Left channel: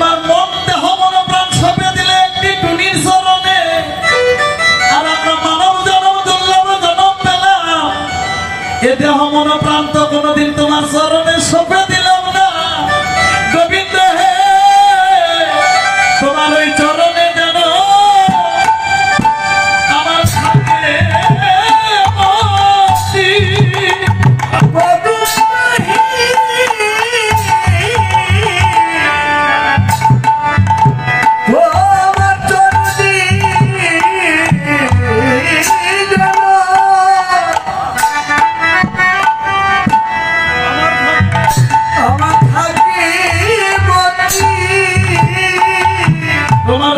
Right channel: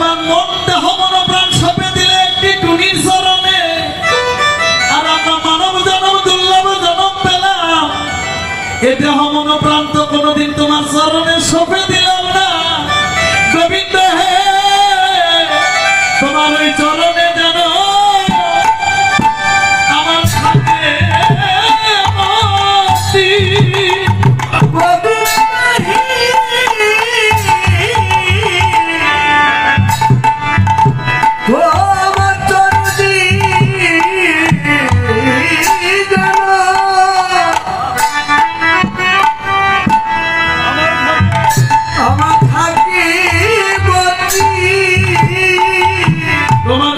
তোমার মন দেহ মন প্রাণ সপে দিলে একটি আমরা জনম জনম পেলাম। তো কোনোদিন তোমার চরণে সপে দিলাম তোমার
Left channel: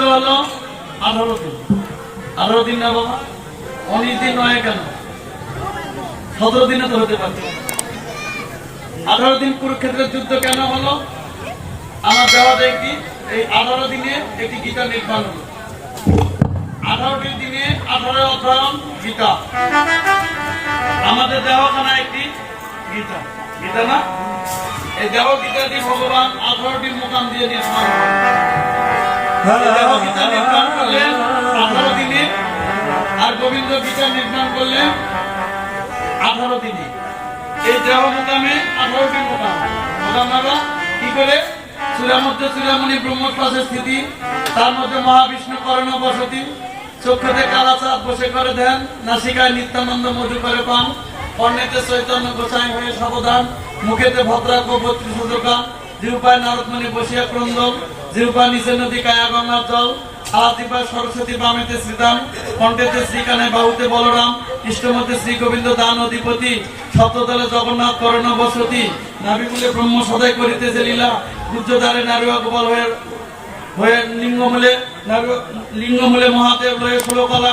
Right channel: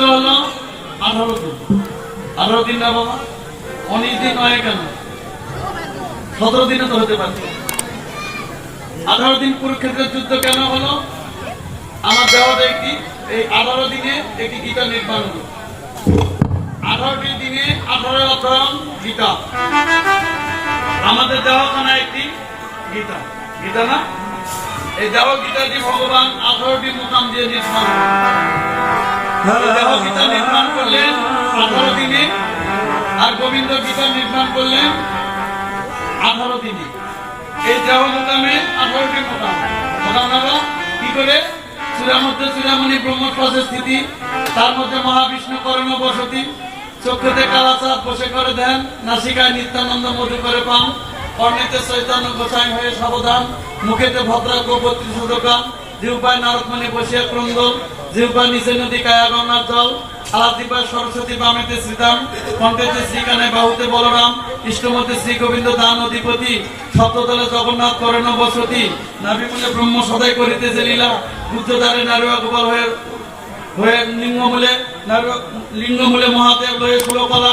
যুদ্ধ হলো আঠারো দিন। আঠারো দিন না বাবা অনেক দিন নয় কেন? সতেরো দিনে তো হতে পারত আঠারো দিন কুরুক্ষেত্রের যুদ্ধ কেন হলো? আমার দেওয়াটা কি? এই আঠারো দিনে একটি গীতা নির্মাণ হলো। আঠারোটি দিনে আঠারো অধ্যয়ন গীতা। আমাদের দেওয়াখানা একটি গীতা। গীতা না? এই দেহ গীতাটি ভগবান আঠারোটি মোকাম দিয়ে নির্মাণ গীতা নির্মাণ করলেন আঠারো দিনে আর গোবিন্দ গীতা নির্মাণ করলেন দিনে এই করে স্থিতি তার মধ্যে মহাবিষ্ণু করণ বসতি চক্ষুতে কালাচাঁদ বসে করে দেন নাসিকায় নিত্যানন্দ মধু করে পান কর্ণেতে চৈতন্য গোসাই হয়ে সাবধান মুখেতে ভদ্রা গোপত্রী সুদোকান জিউপায় নারদমণি বসিয়া ক্রন্দন জিউপা নিচে নদী কায়া গঙ্গার জল আলাদিপায় সরস্বতী বামেতে শ্রীরাম কণ্ঠেতে শ্রীকানে বাহুতে বলরাম ইষ্টমতে শ্রী গোবিন্দ দান অধিপতি, সপ্তদলে জগন্নাথ করেন বসতি, নাভিমূলে ব্রহ্ম সদাই করিতেছে লীলা গুজ্জদারে নারুয়া গোপাল হয়ে হয়ে লিঙ্গমূলে লিঙ্গমূলে মহাদেব হয়ে ষোলকলা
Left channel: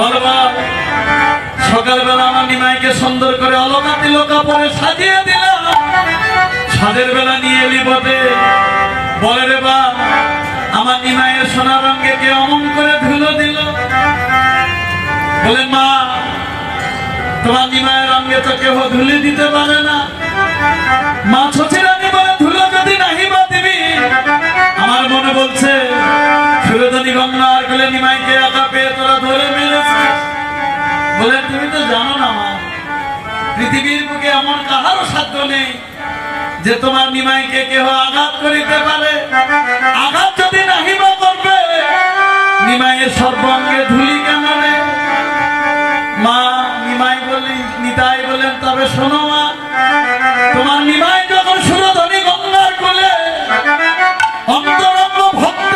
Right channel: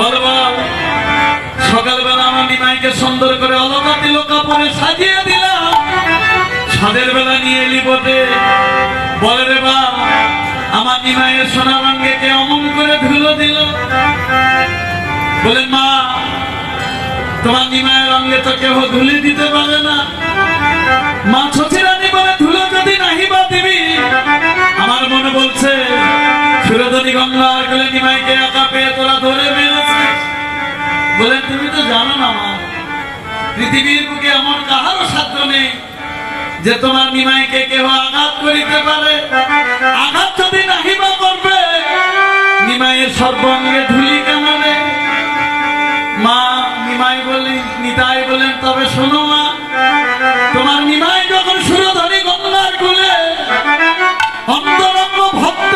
বলবা, সকালবেলা আমার নিমাইকে সুন্দর করে অলকা তিলকা পরে সাজিয়ে দিলাম। সাদের বেলা নিয়ে এলি বটে। বলে রে বা, আমার নিমাইয়ের সোনা রঙে কে অমন করে ধুলো দিল? বলে, মা, তোমার নিমায়ের রঙে তো কেউ ধুলি দিতে পারে না। মা ছচিরানি বলে, ধুলো যদি নাহি বা দিবি? আমার মনে বলছে সুরধনী গঙ্গা গেলে নিমাইকে একা পেয়ে তোরা ধরে বলে, তুমি তো জানো না মা, পৃথিবীর বুকে এমন কাহারও সাধ্য নেই যে তোমার নিমাইকে কেহ আঘাত করিতে পারে। আঘাত যদি নাহি বা করবে, নিমাইয়ের সর্বঙ্গে ধুলি কেন মা, নিমাই বলি, নিতাই বলেন, তবে শোনো মা, তোমার নিমাই যখন সুরধনী গঙ্গার কুলে অন্তরঙ্গ ভক্ত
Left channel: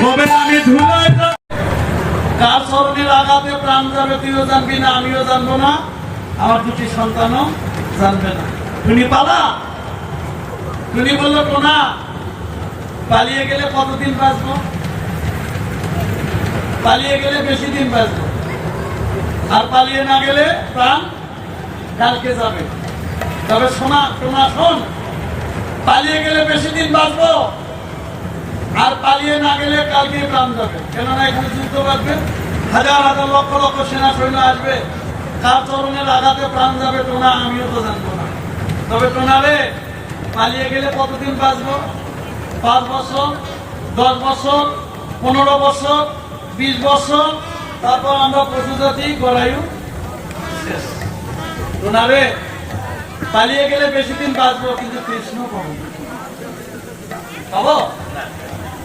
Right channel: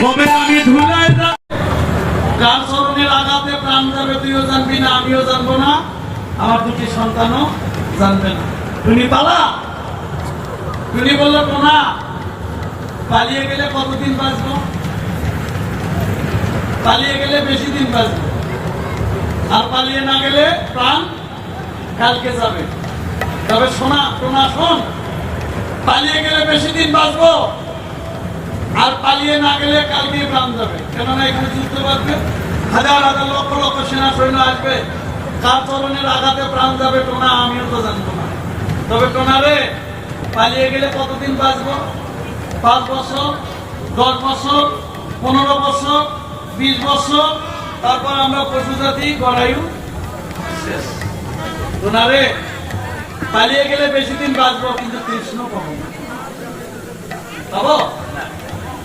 কবে আমি ধুলাই যাব? কার স্মরণের আঘাতে প্রাণ যাবে তুইও জানবি না, আমিও জানব না। আমার দুটি সন্তানও জানবে না। তুমি পালা? তুমি বলল কোনা পালিয়ে গেলে কতদিন বাঁচবো? পালিয়ে গেলে বেশি দিন বাঁচবো। আর পালিয়ে না গেলে প্রাণ কালকে যাবে। তবে শোনা শোনা শোন, পালিয়ে গেলে বেশি দিন বাঁচবো। আর পালিয়ে না গেলে কালকে প্রাণ যাবে কেননা এখানে যুদ্ধ বাঁধবে, হাজার হাজার লক্ষ লক্ষ সেনা সৈন্য আসবে। কার চরণের আঘাতে প্রাণ যাবে টোনা আমিও তো জানব না। তবে টোনা রে, পালিয়ে গেলে কতদিন বাঁচবো? পাঁচ বছর, দশ বছর, পনেরো বছর, বিশ বছর, তারপর আমরা পশু জাতি গড়ায়ু শেষ। টোনা রে, পালিয়ে গেলে বেশি দিন বাঁচবো, কিন্তু কৃষ্ণ পাবো। পাবো?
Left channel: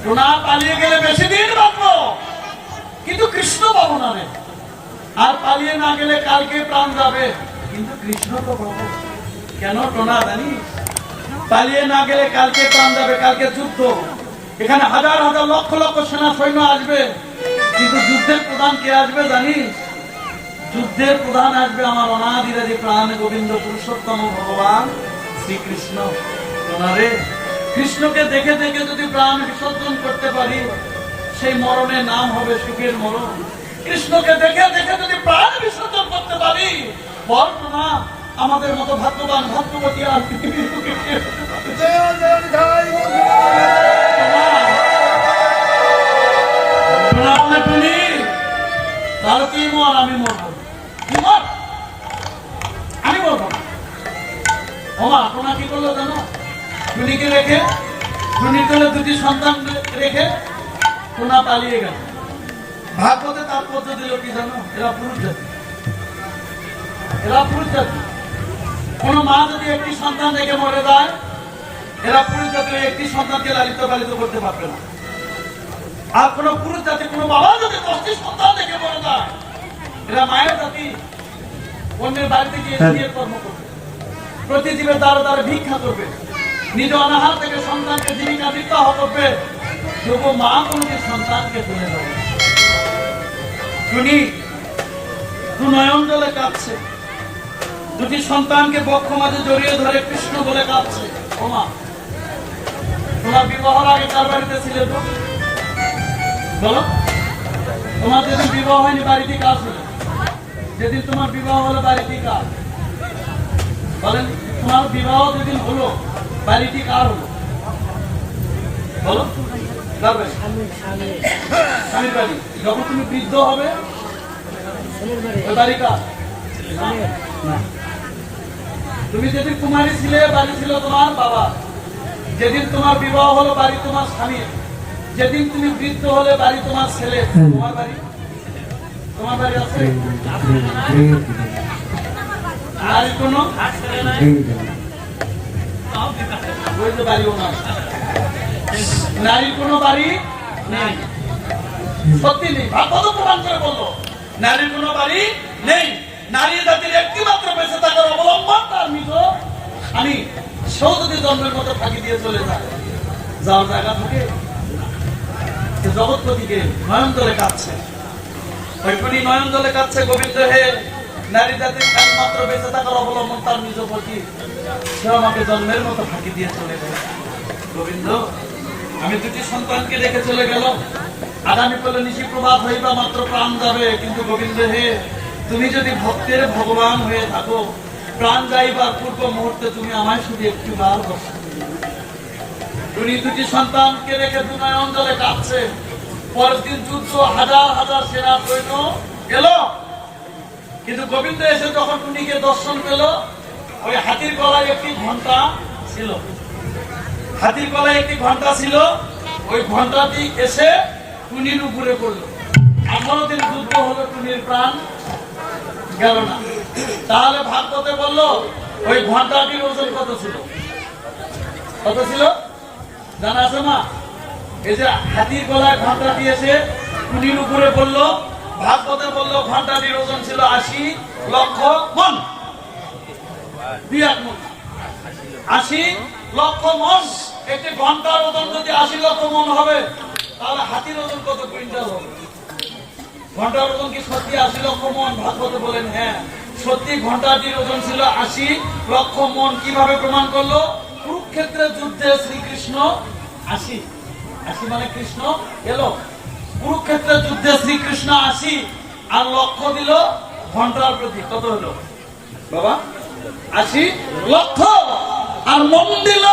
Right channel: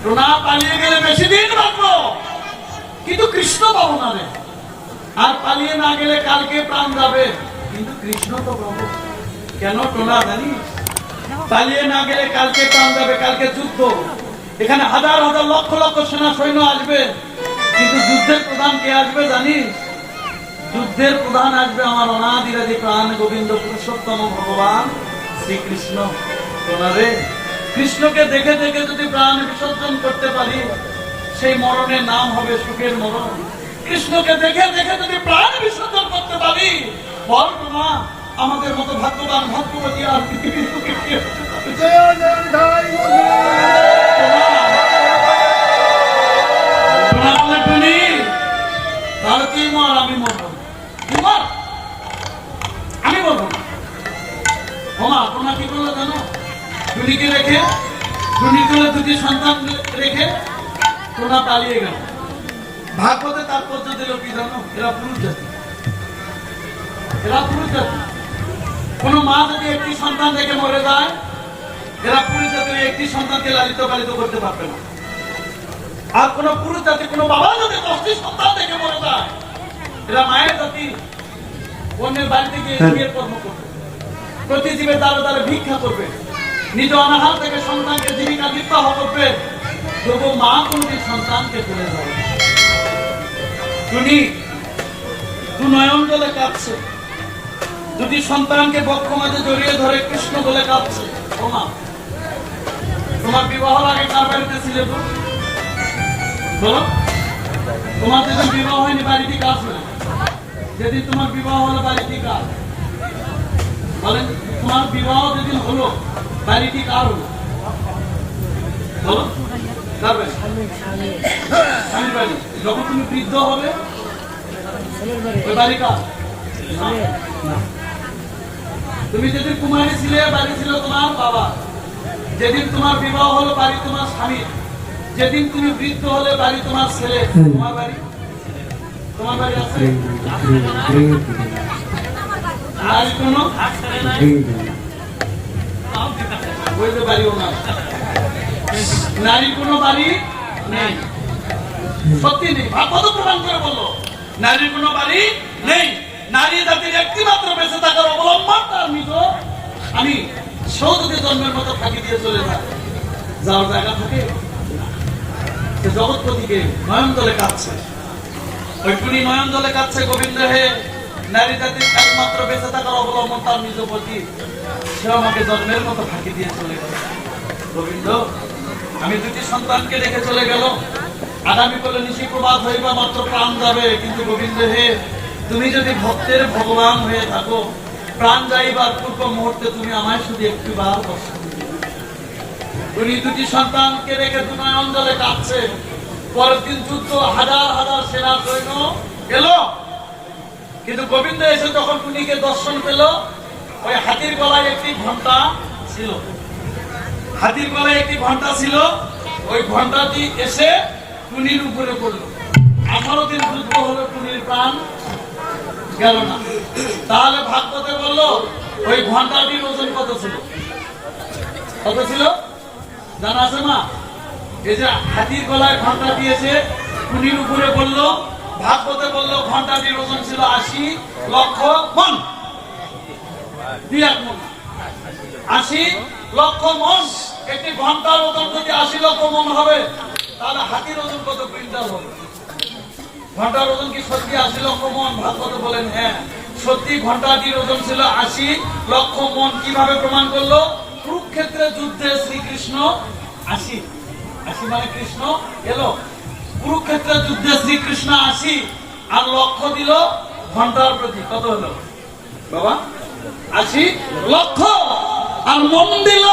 টোনা পালিয়ে গেলে বেশি দিন বাঁচবো। কিন্তু কৃষ্ণ পাবো না আর পালিয়ে না গেলে কালকে প্রাণ যাবে। কিন্তু কৃষ্ণ তো পাবো। কেন টোনা জানিস পালিয়ে না গেলে কালকে প্রাণ যাবে, কালকে যুদ্ধ। এখানে হাজার হাজার লক্ষ লক্ষ সেনা সৈন্য আসবে। কিন্তু যুদ্ধের প্রধান কে আসবে জানিস যুদ্ধের প্রধান আসবে আমার অনাদিরাজি প্রাণ গোবিন্দ পুরুষোত্তম ভগবান শ্রীকৃষ্ণ। ওনারে কৃষ্ণকে দেখে দেখে যদি প্রাণ বিসর্জন করতে পারি, সেই মরণের নাম হবে সুখের মরণ। কৃষ্ণকে দেখে দেখে যদি প্রাণ বিসর্জন করতে পারি, বল না আমাদের মতো ভাগ্যবান ভাগ্যবতী আর পৃথিবীর পালিয়ে গেল। ভাগবতে তাৎপর্য দিল কি জানো? এরা পুরুষ জাতি। এরা পুরুষ জাতি। কোন মা যদি একটি সন্তান রেখে মরে যায় এরা পুরুষ জাতির একটি সন্তানকে লালিত পালিত করতে পারবে না। আর কোন পুরুষ জাতি কোন বাবা যদি দশটি সন্তান দেখে মরে যায় এরা মায়ের জাতি অন্যের বাড়িতে গিয়ে বিয়ের কর্ম করবে। প্রতি জীবের দ্বারা দ্বারা ভিক্ষা করবে। নিজ অনাহার থেকে সন্তানকে জীবিকা নির্বাহ করবে। তবু মা কোনকে সন্তানকে তুলে যাবে টুনি দু নয়ন জলে কাঁদছে দুটি সন্তানকে বক্ষ মাঝে জড়িয়ে ধরে কৃষ্ণ বলে কাঁদছে ও মা তোমার বিবাহ আগে কার বাড়িতে ছিলে? বলো তোমার যেদিন বিবাহ হয়নি বাড়িতে কাজ হলো যেদিন তোমার বিবাহ হলো বাড়িতে কাজ বলেন তোমার বিবাহ যেদিন হলো বাড়িতে কার হলো বলো যখন তুমি বৃদ্ধ হবে তুমি যেদিন কুমারী ছিলে, বাড়ি ছিল তোমার বাবা। যেদিন তোমার বিবাহ হলো, বাড়ি তোমার স্বামীর যেদিন তুমি বৃদ্ধ হলে, বাড়ি তোমার ছেলে। তোমার বাড়ি? তোমার বাড়ি আছে? আর কোনো? বাড়ি ওনার। নারীর কোনো বাড়ি নাই। সত্যি নেই। ভাগবত প্রমাণ করে বলল, নারীর কোনো বাড়ি নেই। নারী জাতির একটি বেঁচে থাকার অবলম্বন তার নিজ আমি সেও যদি জন্মের মতো ফাঁকি দিয়ে চলে যায় যাওয়ার জায়গা থেকে জগৎপতিকে নয়ন দলে কাঁদছে। ওইখানে নয়ন দলে কাঁদছে গোবিন্দ হে। নারী জাতির একমাত্র বেঁচে থাকার অবলম্বন তার নিজ পতি। সে আমাকে জন্মের মতো ফাঁকি দিয়ে চলে গেল। গোবিন্দ আমি দুটি সন্তানকে রেখে চলে গেল। আগামী কালে নিশি প্রভাত হইবা মাত্র প্রাণ যাবে। কিন্তু গোবিন্দ হে, তুমি যদি ভক্তের ভগবান হয়ে থাকো, প্রাণ যাইবার পূর্ব মুহূর্তে তুমি আমায় শুধু একটু বার। তুমি দুটি সন্তানকে রেখে অঞ্চলে কাঁদছে। পরের দিন যুদ্ধ হাজার হাজার সেনা সৈন্য এলো। কিন্তু গোবিন্দ এসে যখন টুনিকে দর্শন পেল, ওই হাতির গলায় একটি ঘণ্টা ছিল। হাতির গলায় একটি ঘণ্টা ছিল, ওই ঘন্টাটি এসে টুনির উপরে পড়ল। আঠারো দিন যুদ্ধ হলো, টুনির প্রাণ গেল না। তাহলে ভাগবতে বলল, ওই ঘন্টাটির ওজন কত ছিল? কত ছিল? জানা আছে না এই যে হাতির গলায় ঘণ্টা দিয়েছে টুনির উপরে বলল ভাগবতে বলল ঘন্টাটির ওজন ছিল আশি লক্ষ মন। দিয়ে আশি লক্ষ মন, একটি ঘণ্টার ওজন যদি আশি লক্ষ মন হবে, তাহলে হাতির ওজন কত কুইন্টাল হবে? ঘণ্টার ওজন কি সত্যি আশি লক্ষ মন? ভাগবত বলেন হ্যাঁ। সত্যি ঘন্টাটির ওজন ছিল আশি লক্ষ মন। কীভাবে প্রমাণ করল? কুরুক্ষেত্রের যুদ্ধে শ্রীকৃষ্ণ আশি। আশি মানে কৃষ্ণ এলো। কুরুক্ষেত্রের যুদ্ধে শ্রীকৃষ্ণ আশি। আর লক্ষ্য দিল ঘণ্টার প্রতি। কত হলো? বাবা, আশি লক্ষ। আর মন দিল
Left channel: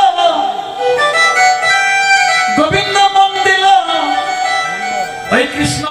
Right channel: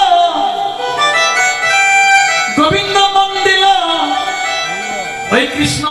গোবিন্দ মন দিল ওই কৃষ্ণ।